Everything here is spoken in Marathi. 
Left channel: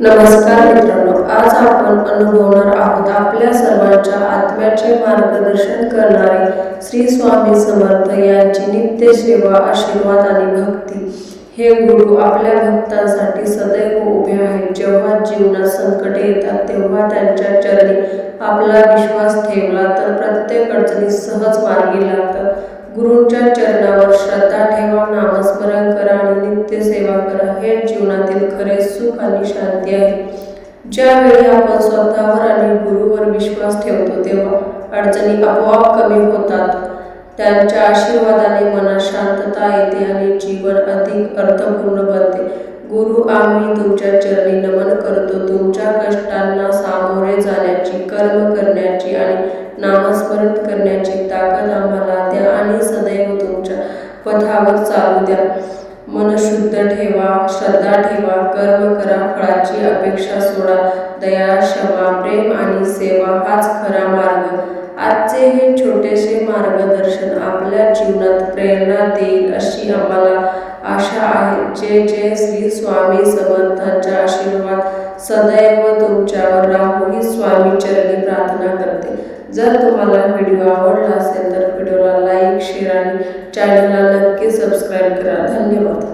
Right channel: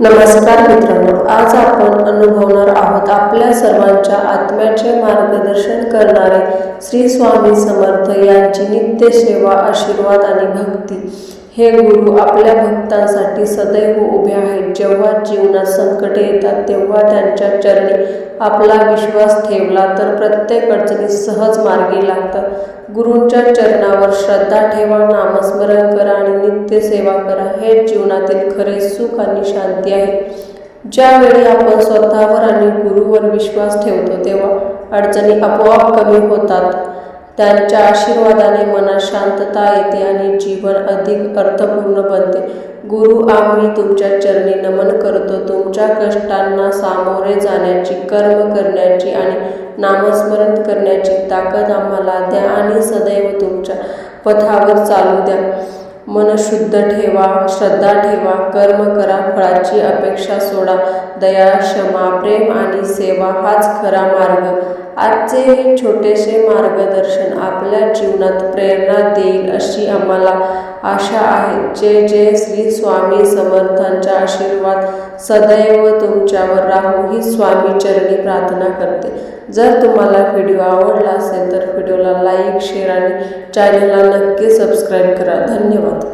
नमस्कार मित्रांनो, आज आपण अनुभवणार आहोत आपल्या सर्वांच्या आत्म्याचे मार्गदर्शन करणारे श्री स्वामी समर्थ यांची नित्य सेवा, आशीर्वाद आणि भक्ती। हे गुरु आपल्या भक्तांसाठी सदैव उभे आहेत। जेव्हा जीवनात संकटे येतात तेव्हा त्यांच्या चरणी आपला विश्वास ठेवला तर प्रत्येक अडचणी सहज मार्गी लागतात। गुरूंच्या चरणावर श्रद्धा ठेवा, नामस्मरण करा आणि नित्य सेवा करा। हे जीवनातील खरे सुख आणि शांती आहे। ज्यावेळी आपण स्वतःवर आणि गुरूवर विश्वास ठेवतो तेव्हा अडचणी आपोआप कमी होतात। त्यांच्या आशीर्वादाने मनात शांतता येते आणि जीवन अधिक अर्थपूर्ण बनते। गुरु, आम्ही तुमच्या चरणी नमन करतो। तुमच्या कष्टांना सामोरे जाण्याची, कर्म करण्याची आणि नामस्मरण करण्याची ताकद आम्हाला द्या आणि सदैव तुमच्या पथावर चालू द्या। मन शुद्ध ठेवा, श्रद्धा ठेवा, कर्म करा, फळाची अपेक्षा सोडा। दया, क्षमा, प्रेम आणि सेवा हाच खरा मार्ग। आजचे हे छोटेसे मार्गदर्शन आपल्या जीवनात प्रेरणा देईल अशी आम्हाला आशा आहे। जय जय श्री स्वामी समर्थांचा आशीर्वाद सदैव तुमच्यावर राहो ही स्वामी चरणी प्रार्थना करते। जर तुम्हाला व्हिडिओ आवडला असेल तर व्हिडिओला लाईक, शेअर आणि चॅनलला नक्की सबस्क्राईब करा। धन्यवाद।